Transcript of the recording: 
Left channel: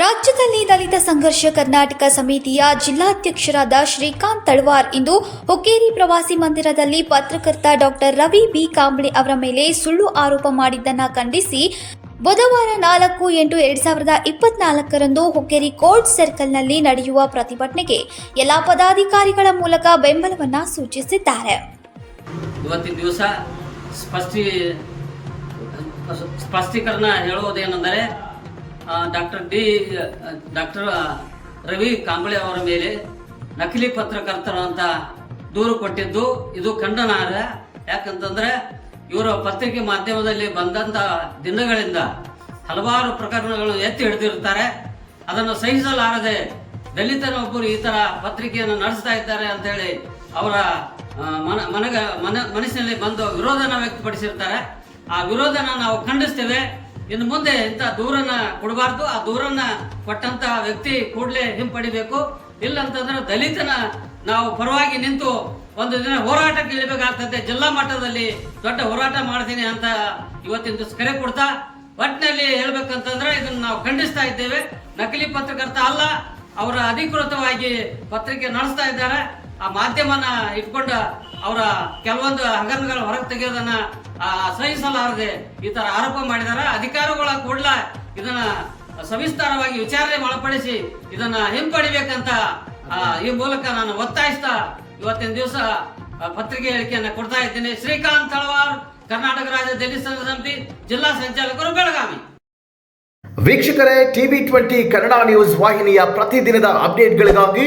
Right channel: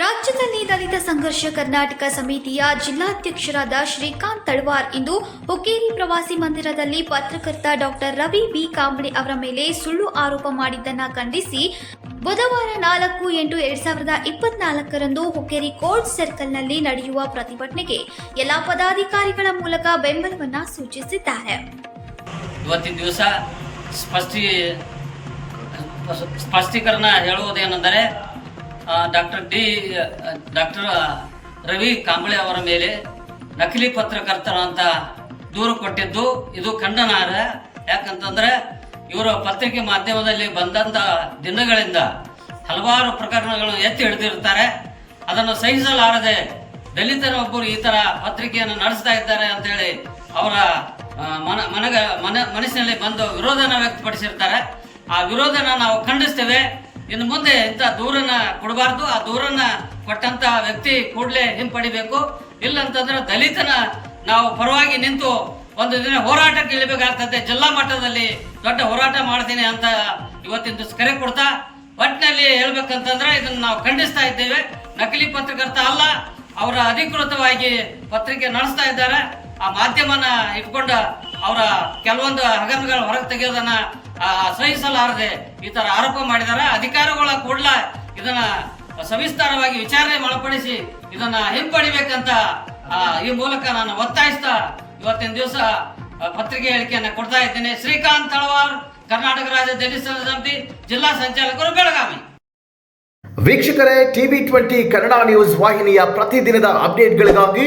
ರಾಜ್ಯದಲ್ಲಿ ದಲಿತ ಸಂಘರ್ಷ ಕರ್ನಾಟಕ ಸಮಿತಿಯ ಜಿಲ್ಲಾಧ್ಯಕ್ಷರಾದ ಶ್ರೀಕಾಂತ್ ತಳವಾರ್ ಇಂದು ಹುಕ್ಕೇರಿ ಪ್ರವಾಸಿ ಮಂದಿರದಲ್ಲಿ ಪತ್ರಕರ್ತ ಡಾಕ್ಟರ್ ರವಿ ಬಿ. ಕಾಂಬ್ಳೆ ಅವರ ಮೇಲೆ ಸುಳ್ಳು ಆರೋಪ ಮಾಡಿದ್ದನ್ನು ಖಂಡಿಸಿ ಬುಧವಾರ ನಾಲ್ಕು ಎಂಟು ಎರಡ್ ಸಾವಿರದ ಇಪ್ಪತ್ನಾಲ್ಕರಂದು ಹುಕ್ಕೇರಿ ಕೋರ್ಟ್ ಸರ್ಕಲ್ನಲ್ಲಿ ನಡೆಯುವ ಪ್ರತಿಭಟನೆಗೆ ಎಲ್ಲಾ ಪದಾಧಿಕಾರಿಗಳ ಮೂಲಕ ಬೆಂಬಲವನ್ನ ಸೂಚಿಸಿದ್ದಾರೆ. ಇವತ್ತಿನ ದಿವಸ ಸ್ಪಷ್ಟಿ ಸ್ಪಷ್ಟೀಕರಣ ಹೇಳುವುದೇನೆಂದರೆ doctor D, doctor Ravi Kamble ಅವರ ಮೇಲೆ ನಕಲಿ ಪತ್ರಕರ್ತರು ಅಂತ ದೂರು ಕೊಟ್ಟಿದ್ದು. ಇದು ಖಂಡನಾರ ಯಾಕಂತಂದ್ರೆ ಇವರ ಪತ್ರಿಕೆ ಮಾಧ್ಯಮದಲ್ಲಿ ಬಂದಂತ ದಿನಗಳಿಂದ ಹಲವಾರು ಪ್ರಕರಣಗಳು ಎತ್ತಿ ಹಿಡಿದಿರ್ತಾರೆ ಅದನ್ನು ಸಹಿಸಲಾರದೆ ದಲಿತರೊಬ್ಬರು ಈ ತರ ಪತ್ರಿಕೆಯನ್ನು ನಡೆಸ್ತಾ ಇದ್ದಾರೆ ಅಂತ ಹೇಳಿ ಅವರ ಮನ, ಮನಗ, ಮನ, ಮನಸ್ಸಿನಲ್ಲಿ ಬಂದು ವಿರೋಧನ ವ್ಯಕ್ತಪಡಿಸಿರ್ತಾರೆ. ಆ ವಿರೋಧನ ನಾವು ಖಂಡಿಸ್ತೇವೆ. ಇನ್ನು ಮುಂದೆ ಇಂಥ ದೂರನ್ನ ಕೊಡಬಾರ್ದು. ಆ ದೂರನ್ನ ಕೊಟ್ಟಂತ ವ್ಯಕ್ತಿ ಕೂಡಲೇ ಹಿಂಪಡಿಬೇಕು. ಇಲ್ಲಂತಂದ್ರೆ ದಲಿತನ ನಾವು ಪರವಾಗಿ ನಿಂತು ಒಂದು ದಿನ ಹೋರಾಟಕ್ಕೆ ಇಳಿಬೇಕಾಗ್ತದೆ ಜಿಲ್ಲಾ ಮಟ್ಟದಲ್ಲಿ ದೊಡ್ಡ ಹೋರಾಟ ಮಾಡ್ತೀನಿ ಅಂತ ಇವತ್ತಿನ ಕರೆ ಕೊಡ್ತಾ ಒಟ್ಟಿನಲ್ಲಿ ಹೇಳ್ಬೇಕಂತಂದ್ರೆ ಇದನ್ನ ನಾವು ಖಂಡಿಸ್ತಾ ಇದ್ದೇವೆ. ನಕಲಿ ಪತ್ರಕರ್ತ ಅಲ್ಲ, ಅವರ ಅಧಿಕೃತವಾಗಿ ಪತ್ರಿಕೆ ನಡೆಸ್ತಾ ಇದ್ದಾರೆ. ಆ ಮಾಧ್ಯಮನ ಇಟ್ಕೊಂಡು ಅವರ ಕೆಲವೊಂದು ಹಗರಣಗಳು ಹೊರಗೆ ತೆಗೆಯೋದನ್ನ ಸಹಿಸಲಾರದೆ ಈ ತರ ಆರೋಪ ಮಾಡಿದಾರ. ಅಧಿಕಾರಿಗಳ ಕೂಡಲ ಇದನ್ನ ಸವಿಸ್ತಾರವಾಗಿ ವಿಚಾರಣೆ ಒಳಪಡಿಸಿ ಇದನ್ನ ಹಿಂಪಡಿಬೇಕಂತ ಈ ಮೂಲಕ ನಾನು ಒತ್ತಾಯಿಸ್ತಾ ಇವತ್ತಿನ ದಿವಸ ಪತ್ರಿಕೆ ಹೇಳಿಕೆಯನ್ನ ಕೊಡ್ತಾ ಇದ್ದೇನೆ. ಶ್ರೀಕಾಂತ್ ತಳವಾರ್, ಕರ್ನಾಟಕ ರಾಜ್ಯ ದಲಿತ ಸಮಿತಿ ಜಿಲ್ಲಾ ಸಂಚಾಲಕರು ಬೆಳಗಾವಿ. ವೀಕ್ಷಕರೇ, ಟಿವಿ ಟ್ವೆಂಟಿ ಕನ್ನಡ ನ್ಯೂಸ್ ವಾಹಿನಿಯ ಪ್ರತಿದಿನದ ಅಪ್ಡೇಟ್ಗಳಿಗಾಗಿ